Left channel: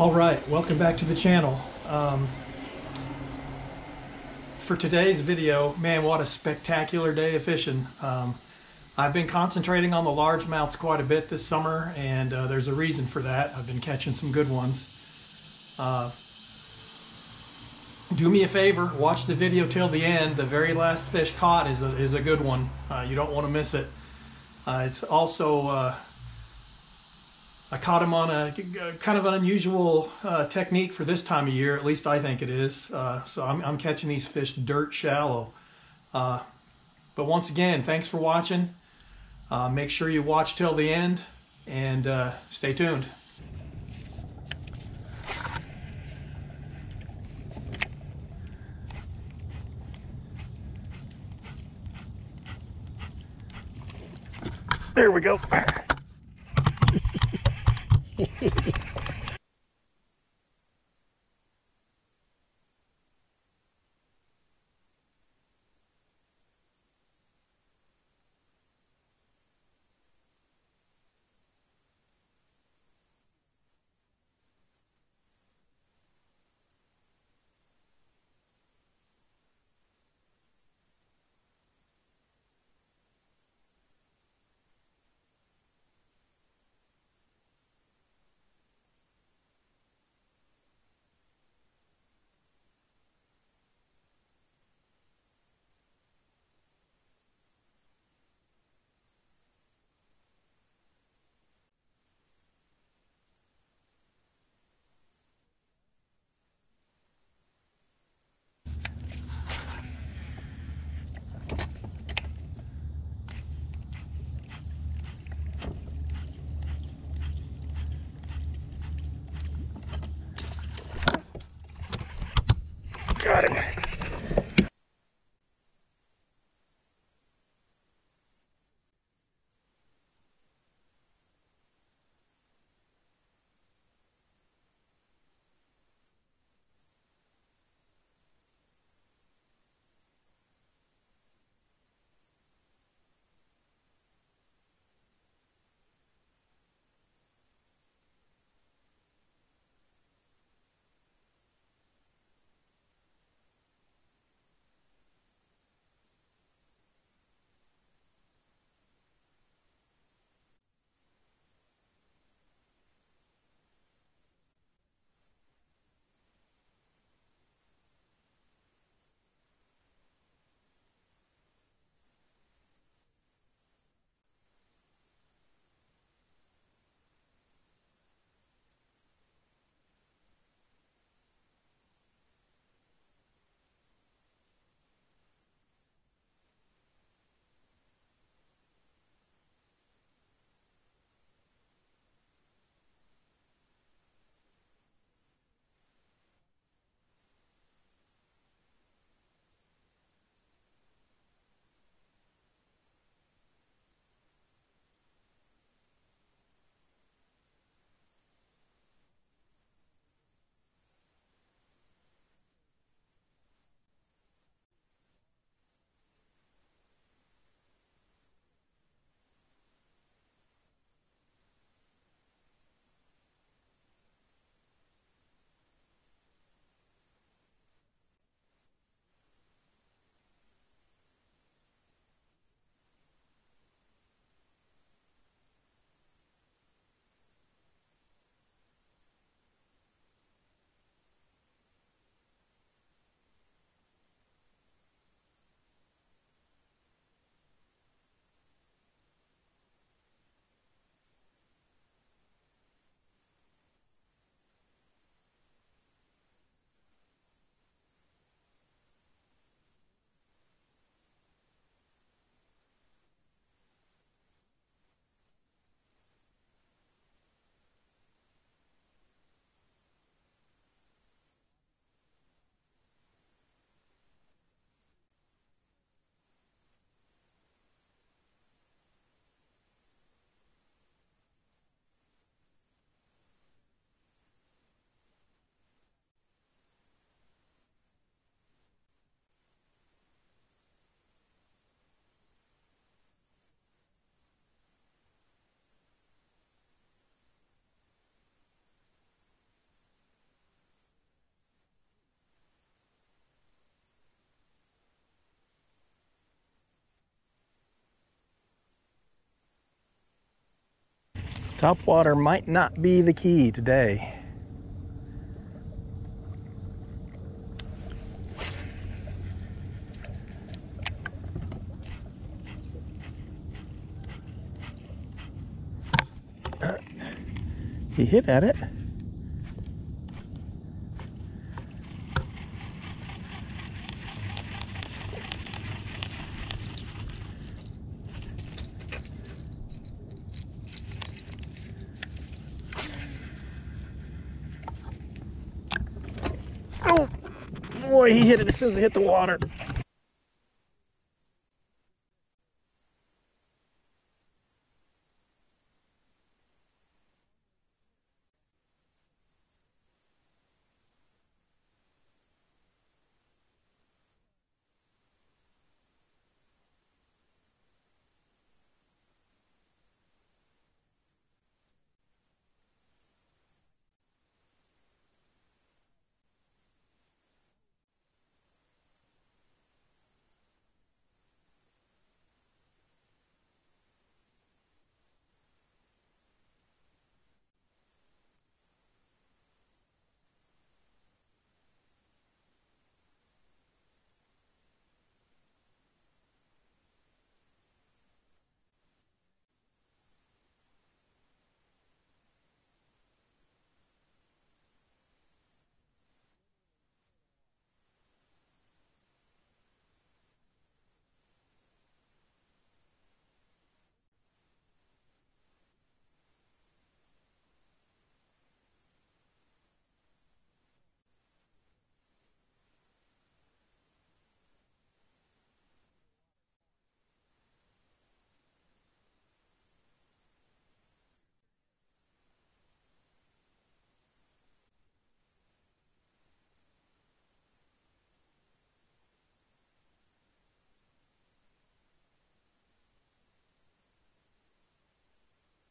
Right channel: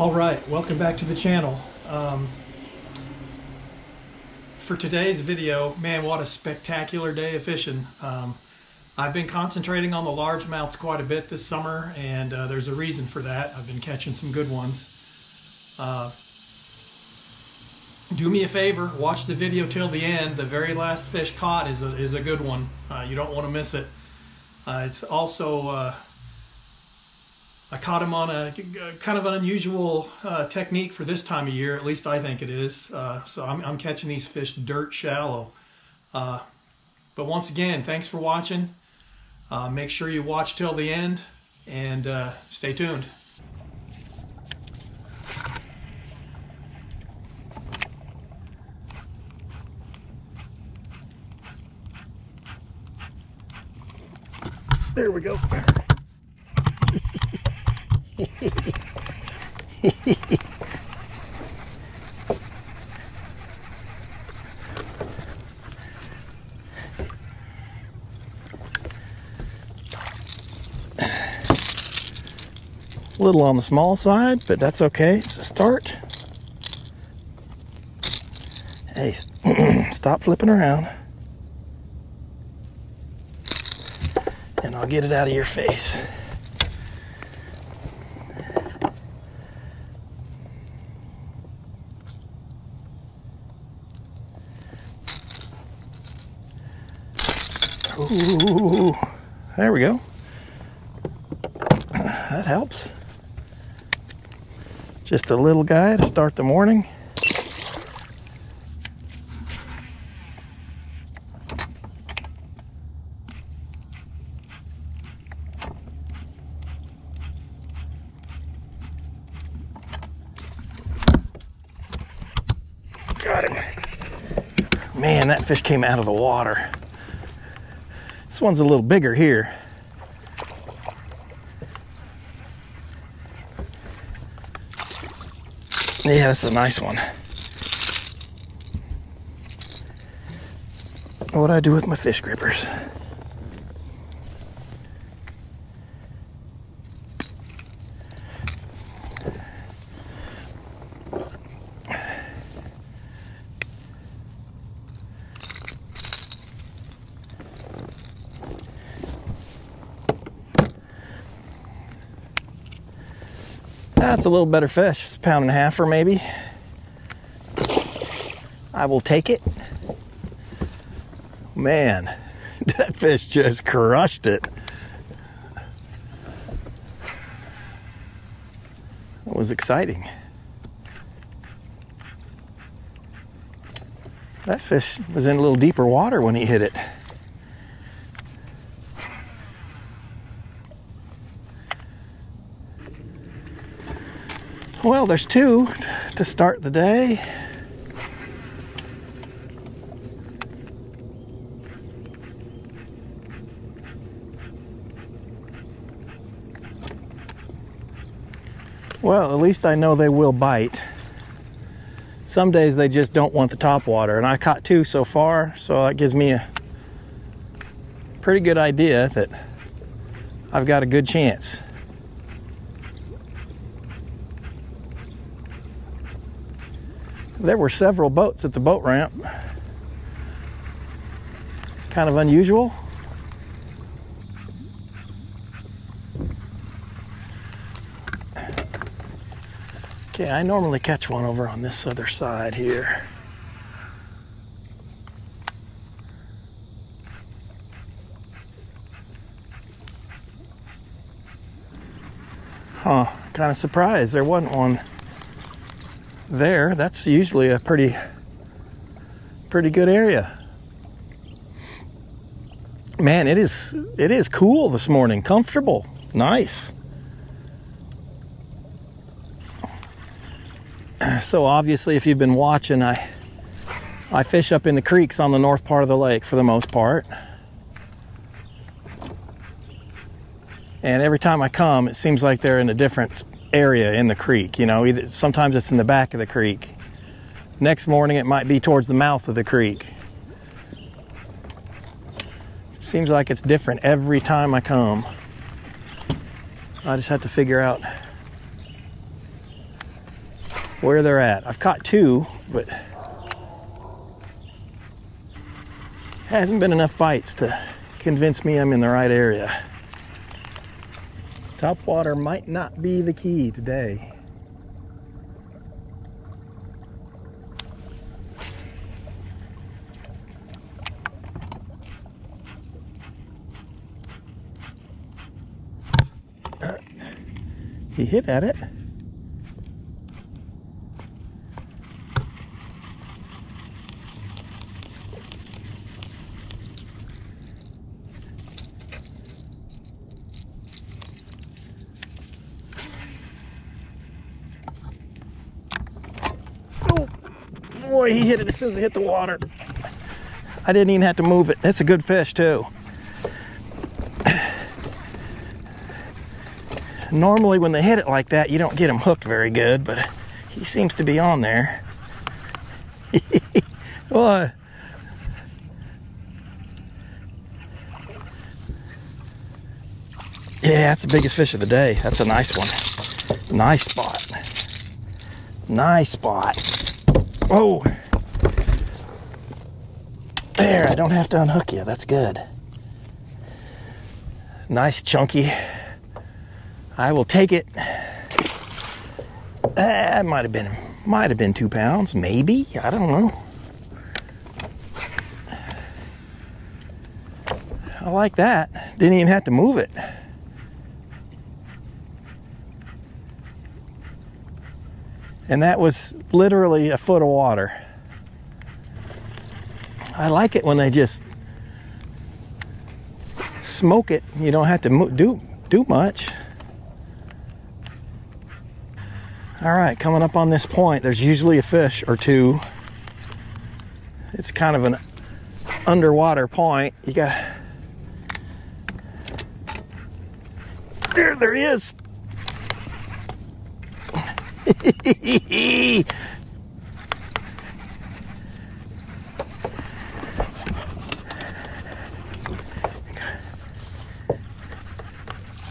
All right, welcome back to the channel. For today's video, man, what a spectacular day of fishing. I've been concentrating on the largemouths quite a bit this summer, and there's a reason for that. I've been catching some good ones. Do me a favor, watch the video till the end. The very last fish caught is a good one. You don't want to miss it. It's also I caught him on a kind of an unusual technique for this time of year. At least I think it is. So I'm catching these fish dirt shallow. But once again, thanks for watching. Make sure you watch till the end and stay tuned. There we go. A little on the small side, but that's okay. It's a start. Hey, stop flipping around. And I'll get it out of your face. Ooh, there we go. That helps. Just a little guy to start the morning. Got him. Man, that fish came out of the water. This one's a little bigger here. Yeah, that's a nice one. What'd I do with my fish grippers? That's a little better fish. It's a pound and a half or maybe. I will take it. Man, that fish just crushed it. That was exciting. That fish was in a little deeper water when he hit it. Well, there's two to start the day. Well, at least I know they will bite. Some days they just don't want the top water, and I caught two so far, so that gives me a pretty good idea that I've got a good chance. There were several boats at the boat ramp. Kind of unusual. Okay, I normally catch one over on this other side here. Huh, kind of surprised there wasn't one there. That's usually a pretty good area. Man, it is cool this morning. Comfortable. Nice. So obviously, if you've been watching, I fish up in the creeks on the north part of the lake for the most part. And every time I come, it seems like they're in a different area in the creek. You know, either sometimes it's in the back of the creek. Next morning it might be towards the mouth of the creek. Seems like it's different every time I come. I just have to figure out where they're at. I've caught 2, but hasn't been enough bites to convince me I'm in the right area. Topwater might not be the key today. He hit at it. Oh boy, he hit it as soon as it hit the water. I didn't even have to move it. That's a good fish too. Normally when they hit it like that, you don't get them hooked very good, but he seems to be on there. What? Yeah, that's the biggest fish of the day. That's a nice one. Nice spot. Nice spot. Oh. There, I don't have to unhook you. That's good. Nice chunky. I will take it. That might have been 2 pounds, maybe. I don't know. I like that. Didn't even have to move it. And that was literally a foot of water. I like it when they just smoke it. You don't have to do much. All right, coming up on this point, there's usually a fish or 2. It's kind of an underwater point. You got, there he is.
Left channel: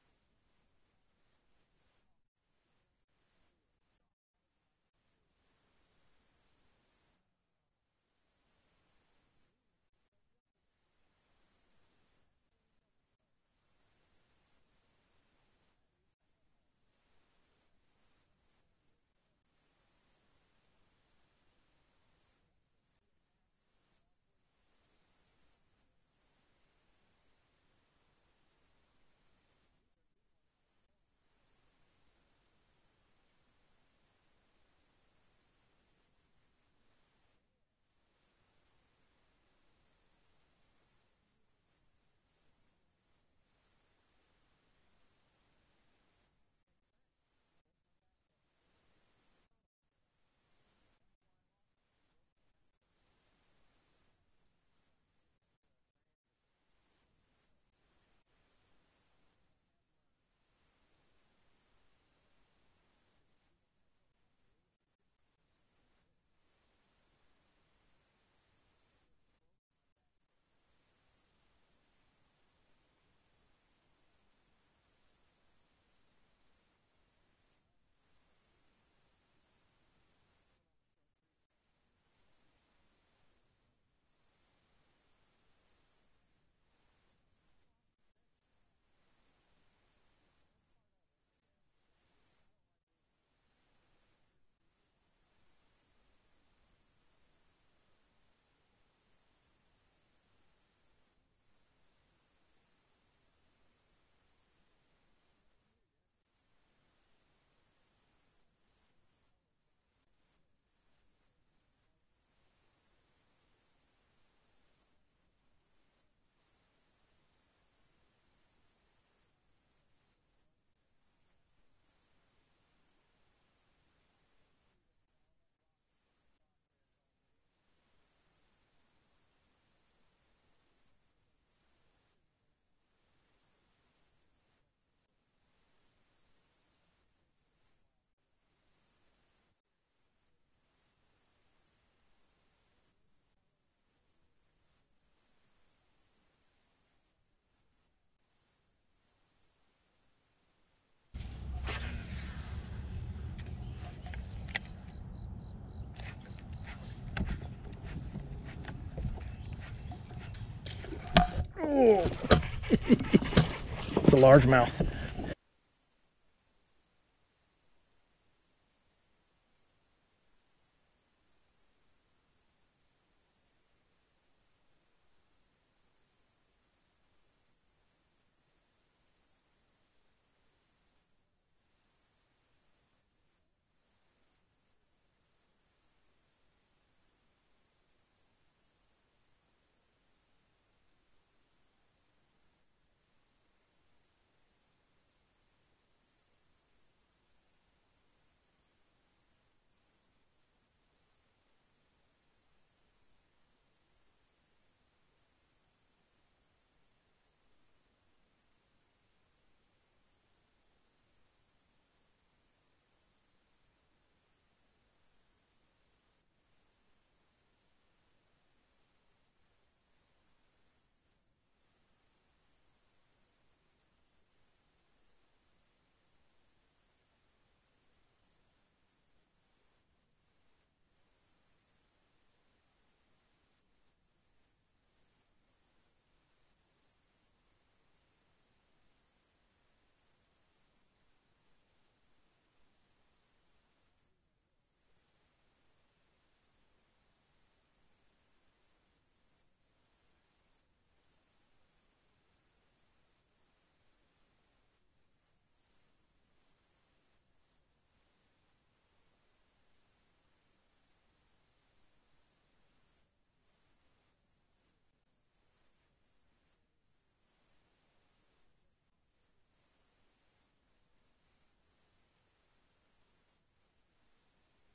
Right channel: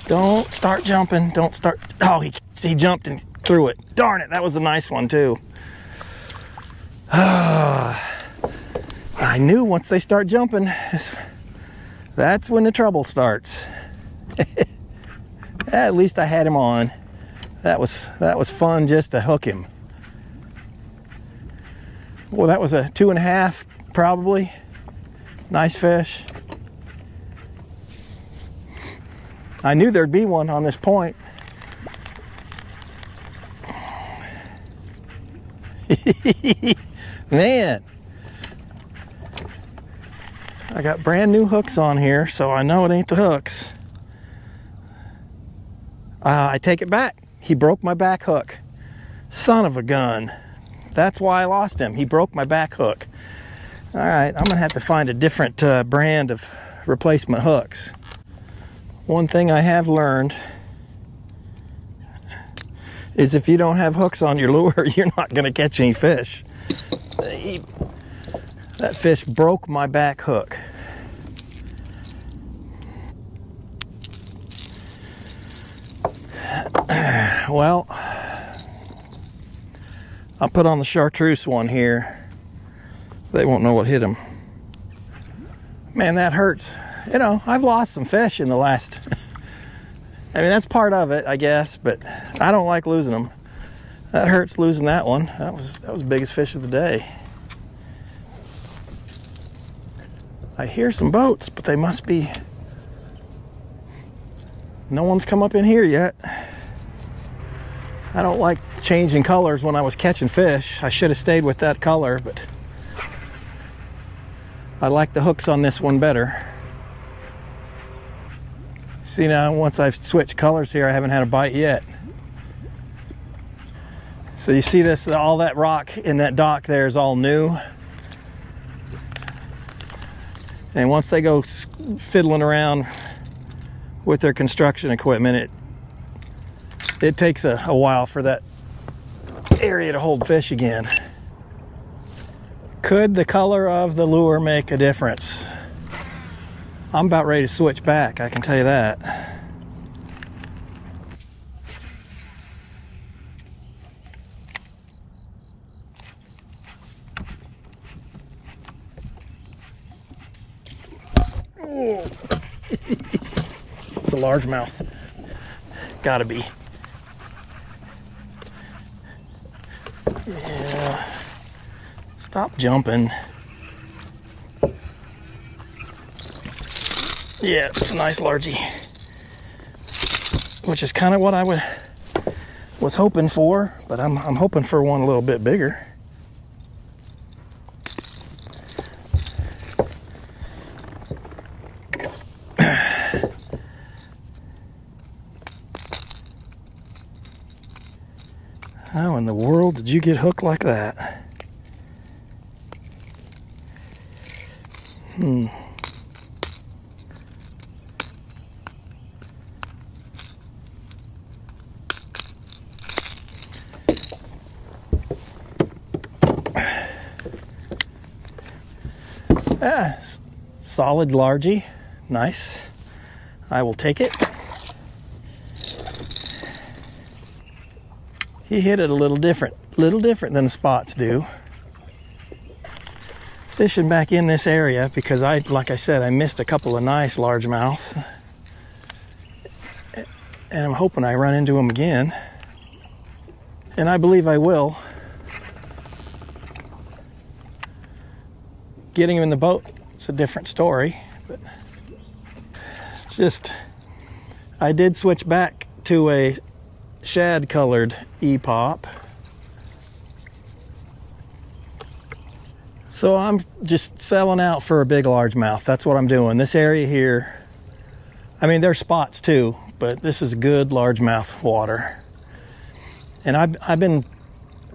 Don't start jumping. Don't start. Oh, he jumped and threw it. Darn it, that was a nice one too. I knew once they start jumping, that's when the trouble starts. At least I had him on. That was fun just to hook him. Well, that was a 2.5 probably. Nice fish. I knew there'd be one on this point. Man, I got brand new hooks on here, so I know it ain't the hooks. I take it back. He broke my back hook. Son of a gun. That's why I lost him. He broke my back hook. All right, I'm gonna have to find a different brand of replacement hooks. One thing I have learned is if you don't have hooks on your lure, you're not gonna catch any fish. That fish broke my back hook. Well, I'll put on the chartreuse one here. They won't know what hit them. Man, that hurts. You know, I've lost some fish in the last... I mean, that's part of it, I guess, but I don't like losing them. That hurts losing that one. That was the biggest fish of the day. I hear some boats, but they must be... No one's come up in here yet. I don't like changing colors when I was catching fish. I should have stayed with that color, but I like the hooks on this one better. See, now once I've switched colors here, I haven't had a bite yet. So you see this, all that rock in that dock there is all new. And once they go fiddling around with their construction equipment, it takes a while for that area to hold fish again. Could the color of the lure make a difference? I'm about ready to switch back, I can tell you that. Oh. It's a largemouth. Gotta be. Yeah. Stop jumping. Yeah, it's a nice largie. Which is kind of what I was hoping for, but I'm hoping for one a little bit bigger. How in the world did you get hooked like that? Solid largie, nice. I will take it. He hit it a little different than the spots do. Fishing back in this area because like I said, I missed a couple of nice largemouths, and I'm hoping I run into them again, and I believe I will. Getting him in the boat, it's a different story, but it's just, I did switch back to a shad colored E-pop. So I'm just selling out for a big largemouth. That's what I'm doing. This area here, I mean, there's spots too, but this is good largemouth water. And I've been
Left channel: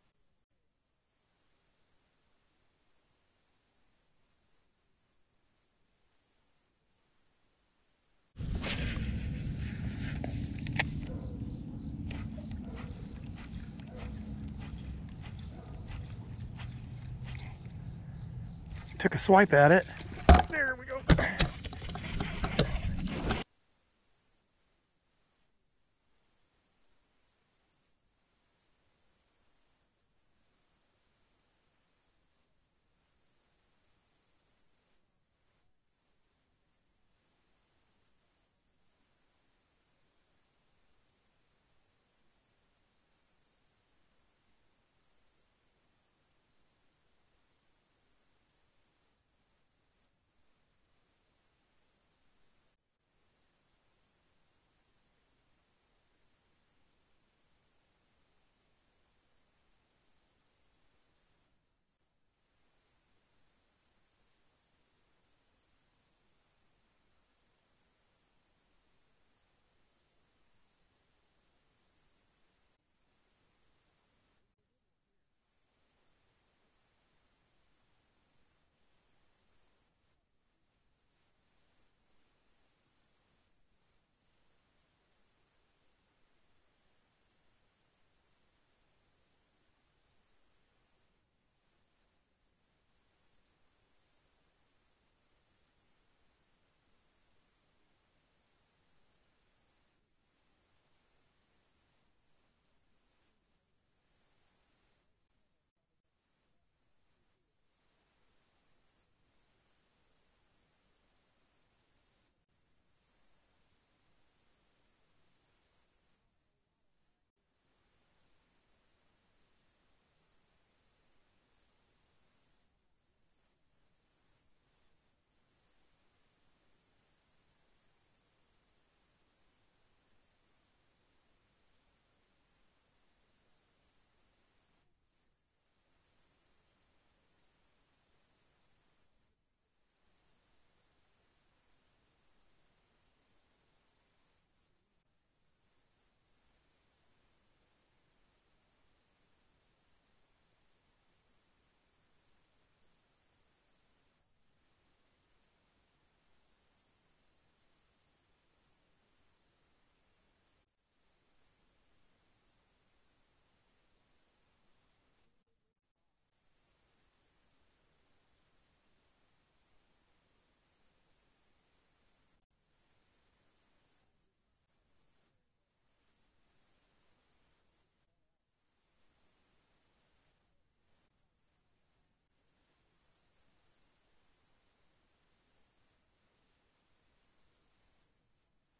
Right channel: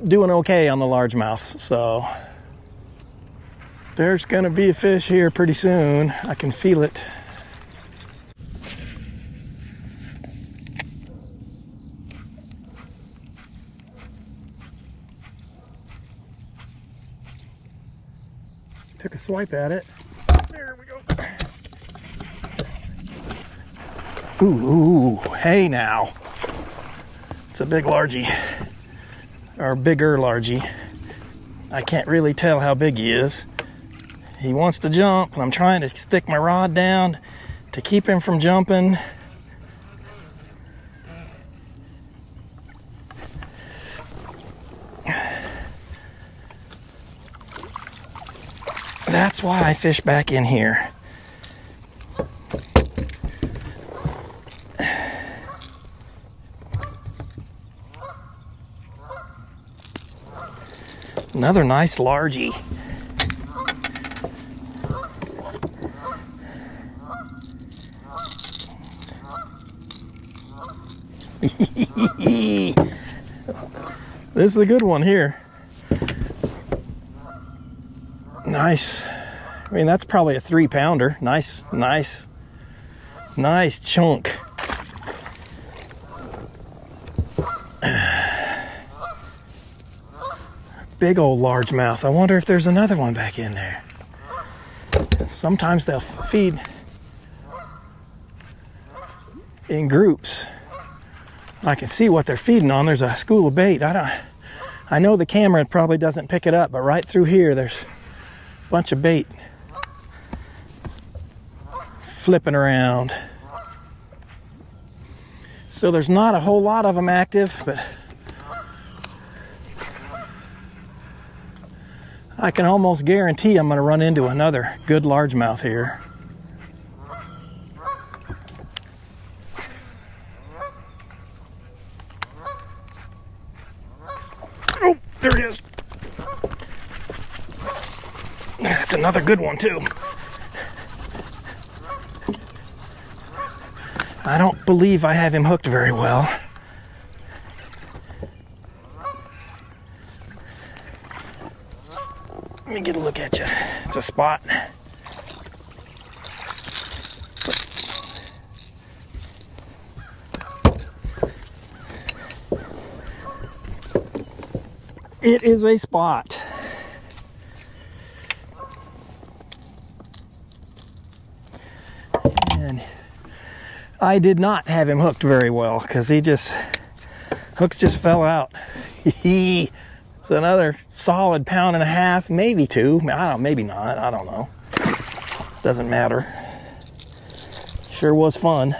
doing okay on the largemouths, so there's gonna be a fish here pretty soon. I can feel it. Took a swipe at it. There we go. Ooh, hey now. It's a big largie, or bigger largie. I can't really tell how big he is. He wants to jump, and I'm trying to stick my rod down to keep him from jumping. That's why I fish back in here. Another nice largie. This is a good one here. Nice. I mean, that's probably a 3-pounder. Nice chunk. Big old largemouth. I wonder if there's another one back in there. Sometimes they'll feed in groups. I can see what they're feeding on. There's a school of bait. I know the camera probably doesn't pick it up, but right through here there's a bunch of bait flipping around. So there's not a whole lot of them active, but I can almost guarantee I'm going to run into another good largemouth here. Oh, there it is. That's another good one too. I don't believe I have him hooked very well. Let me get a look at you. It's a spot. It is a spot. And I did not have him hooked very well because hooks just fell out. It's another solid 1.5 pounds, maybe 2. I don't, maybe not. I don't know. Doesn't matter. sure was fun.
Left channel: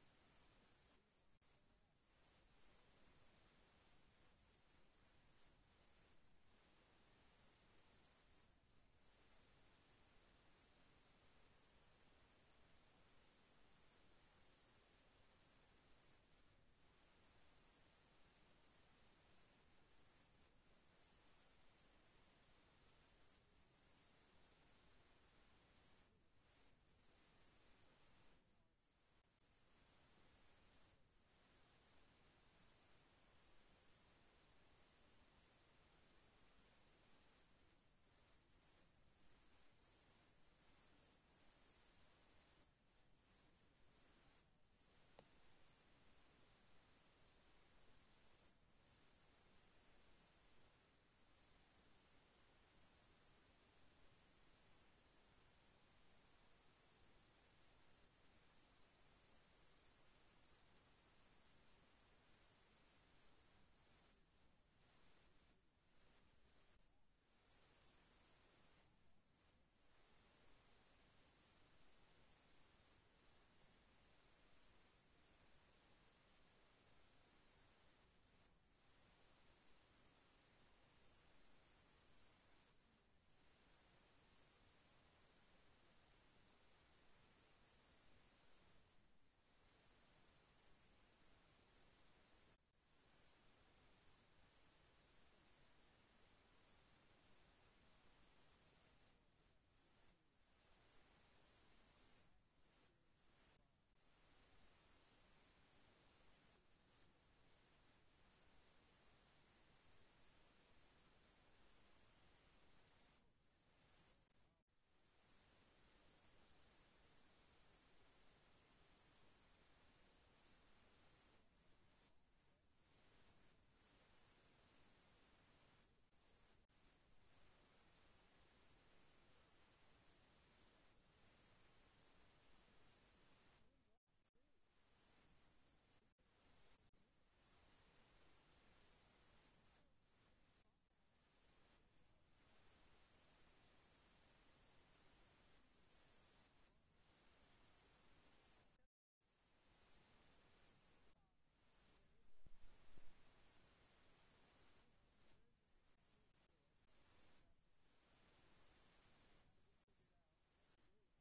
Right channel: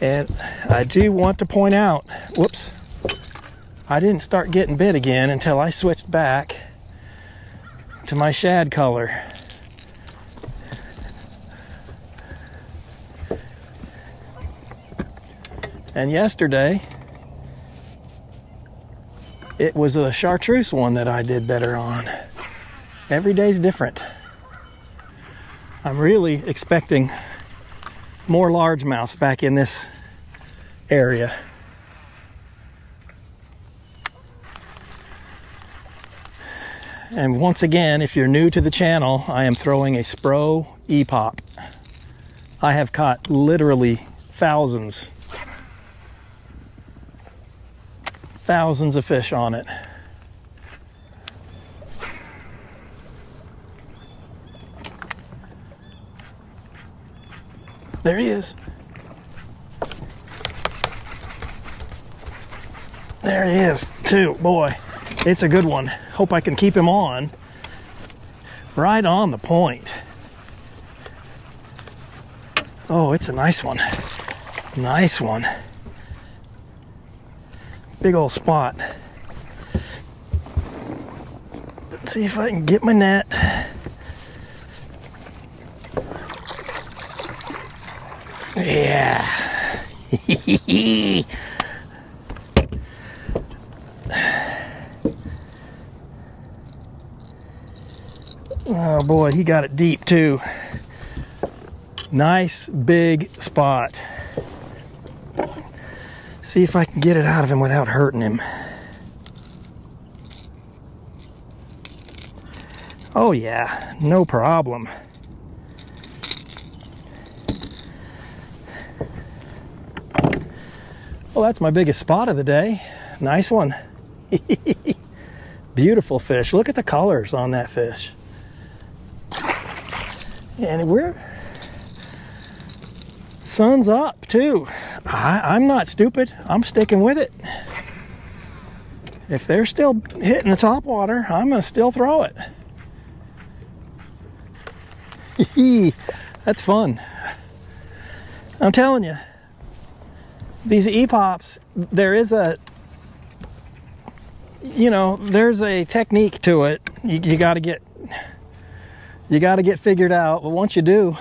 And I do want to point out, whoops, I didn't start getting bit again until I switched back to my shad color. And yesterday, it was a chartreuse one that I did better on. Every day's different. I'm really expecting more largemouths back in this area. And once again, if you're new to the channel, I am throwing a Spro E-Pop. I have caught literally thousands of fish on it. There he is. There he is, too. Boy, it's a good one. Hope I can keep him on. Right on the point. Oh, it's a nice one. Nice one. Big old spot. Let's see if I can get my net. Yeah. Oh boy, he got it deep too. Nice big spot. See if I can get it out of him without hurting him. Oh yeah, no problem. Well, that's my biggest spot of the day. Nice one. Beautiful fish. Look at the colors on that fish. And sun's up too. I'm not stupid. I'm sticking with it. If they're still hitting the top water, I'm gonna still throw it. That's fun. I'm telling you, these E-Pops, there is a, you know, there's a technique to it. You gotta get figured out, but once you do,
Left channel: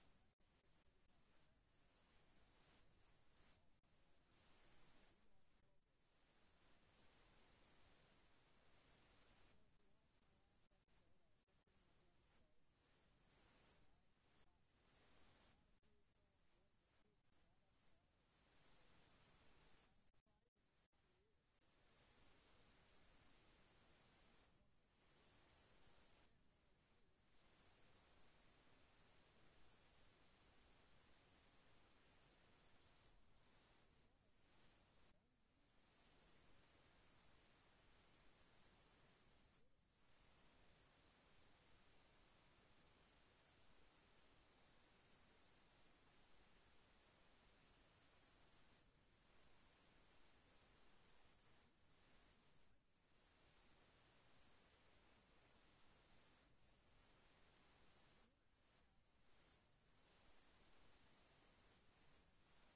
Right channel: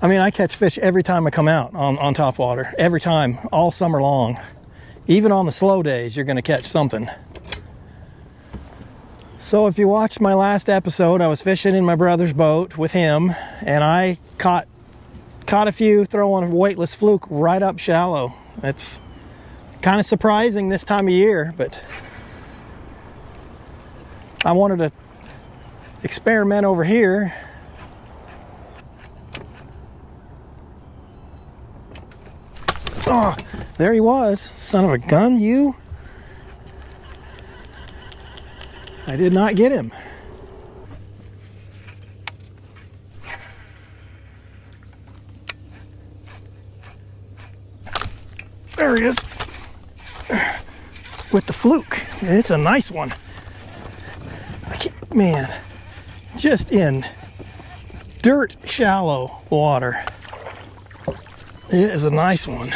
I mean, I catch fish every time I come out on top water. Every time, all summer long. Even on the slow days, you're gonna catch something. So if you watched my last episode, I was fishing in my brother's boat with him, and I caught a few throwing a weightless fluke right up shallow. It's kind of surprising this time of year, but I wanted to experiment over here. Oh, there he was. Son of a gun, you. I did not get him. There he is. With the fluke. It's a nice one. Man, just in dirt shallow water. It is a nice one.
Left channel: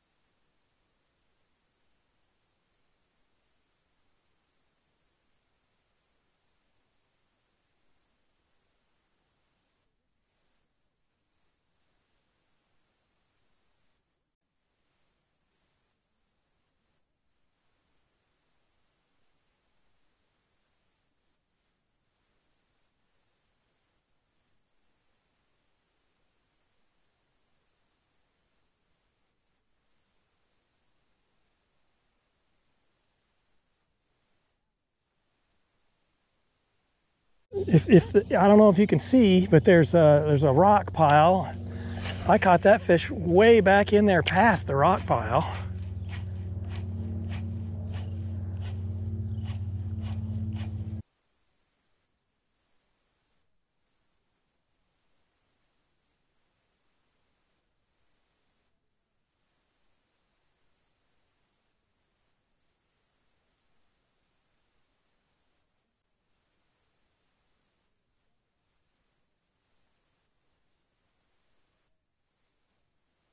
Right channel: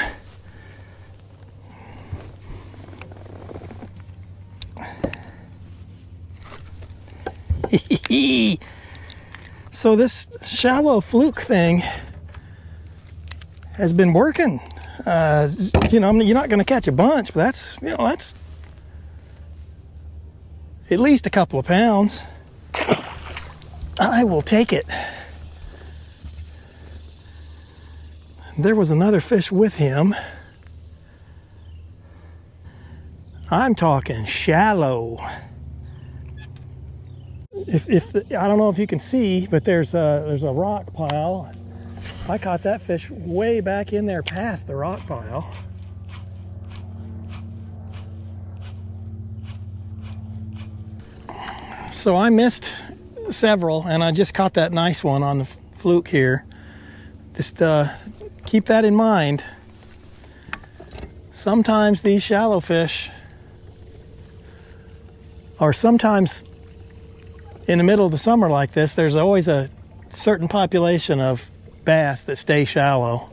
So this shallow fluke thing has been working. You know, you're not going to catch a bunch, but that's, you know, that's at least a couple of pounds. I will take it. There was another fish with him. I'm talking shallow. I don't know if you can see, but there's a rock pile. I caught that fish way back in there past the rock pile. So I missed several, and I just caught that nice one on the fluke here. Just keep that in mind. Sometimes these shallow fish are sometimes in the middle of the summer like this, there's always a certain population of bass that stay shallow.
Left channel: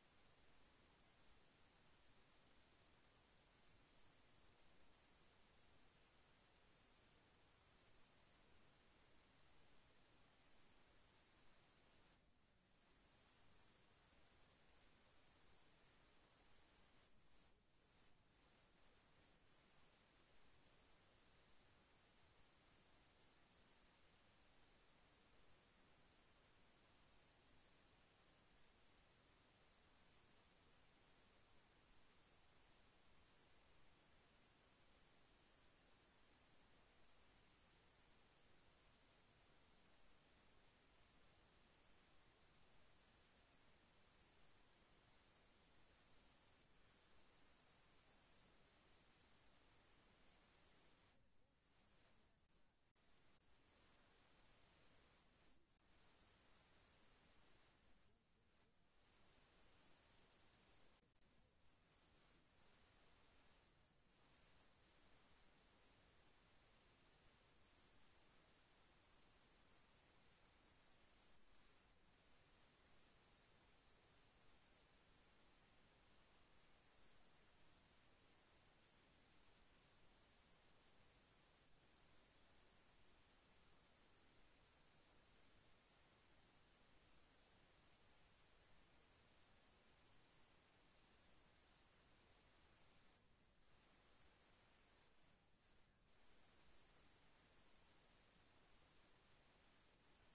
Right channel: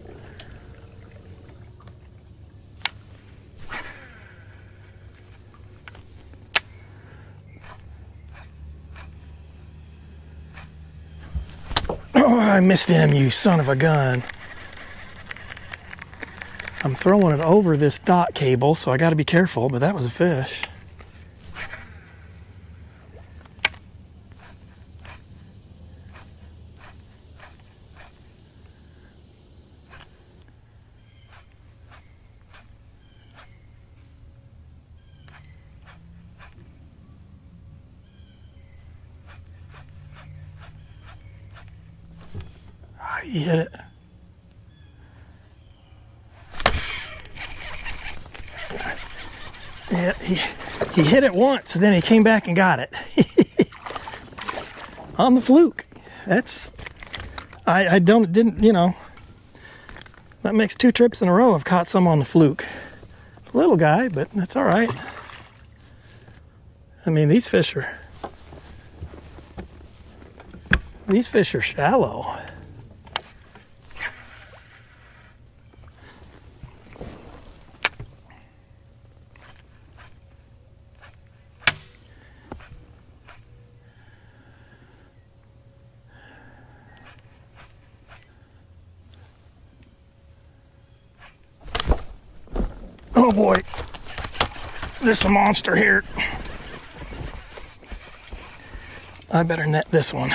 Oh, I missed him, you son of a gun. I'm throwing it over this dot cable, so I got to be careful, but that was a fish. He hit it. Yeah, he hit it once, and then he came back and got it. On the fluke. That's, didn't, you know, that makes 2 trips in a row I've caught some on the fluke. Little guy, but that's all right. I mean, these fish are shallow. Oh boy, there's a monster here. I better net this one.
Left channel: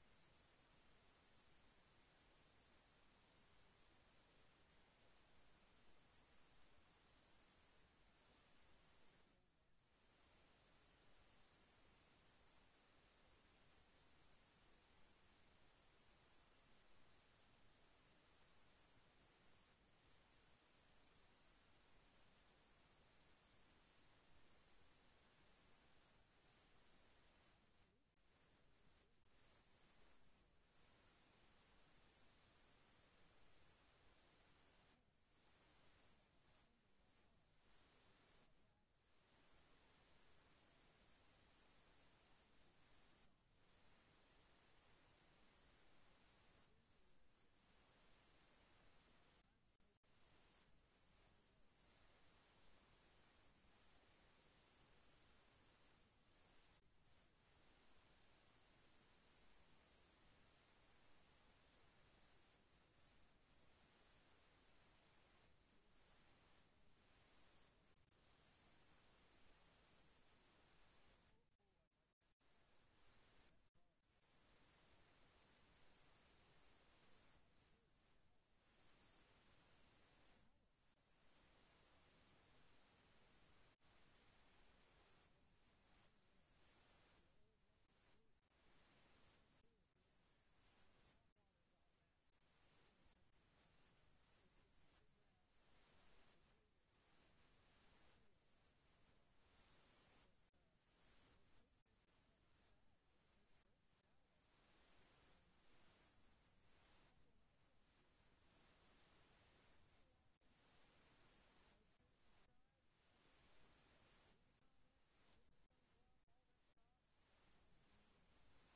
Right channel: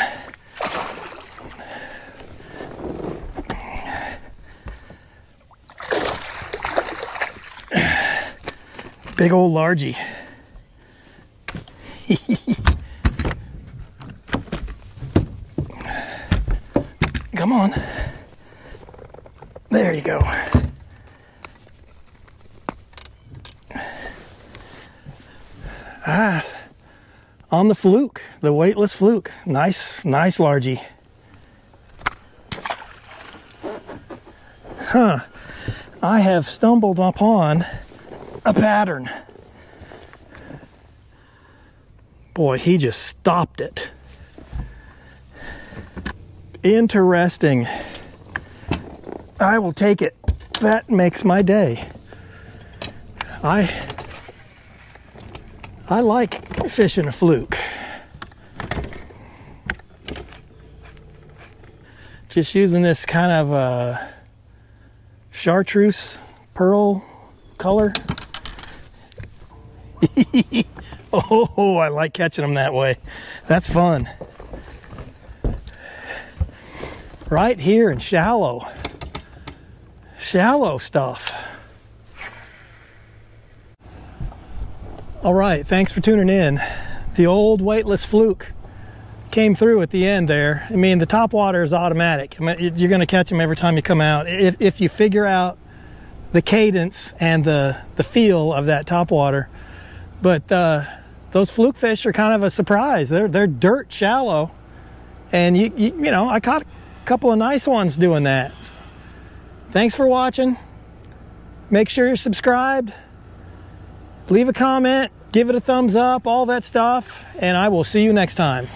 Big old largie. Come on. There you go. Ah, on the fluke, the weightless fluke. Nice largie. Huh. I have stumbled upon a pattern. Boy, he just stopped it. Interesting. I will take it. That makes my day. I like fishing a fluke. Just using this kind of chartreuse pearl color. Oh, I like catching them that way. That's fun. Right here in shallow stuff. All right, thanks for tuning in. The old weightless fluke came through at the end there. I mean, the top water is automatic. I mean, you're gonna catch them every time you come out. If you figure out the cadence and the feel of that top water. But those fluke fish are kind of a surprise. They're dirt shallow. And you know, I caught a couple of nice ones doing that. Thanks for watching. Make sure you're subscribed. Leave a comment, give it a thumbs up, all that stuff, and I will see you next time.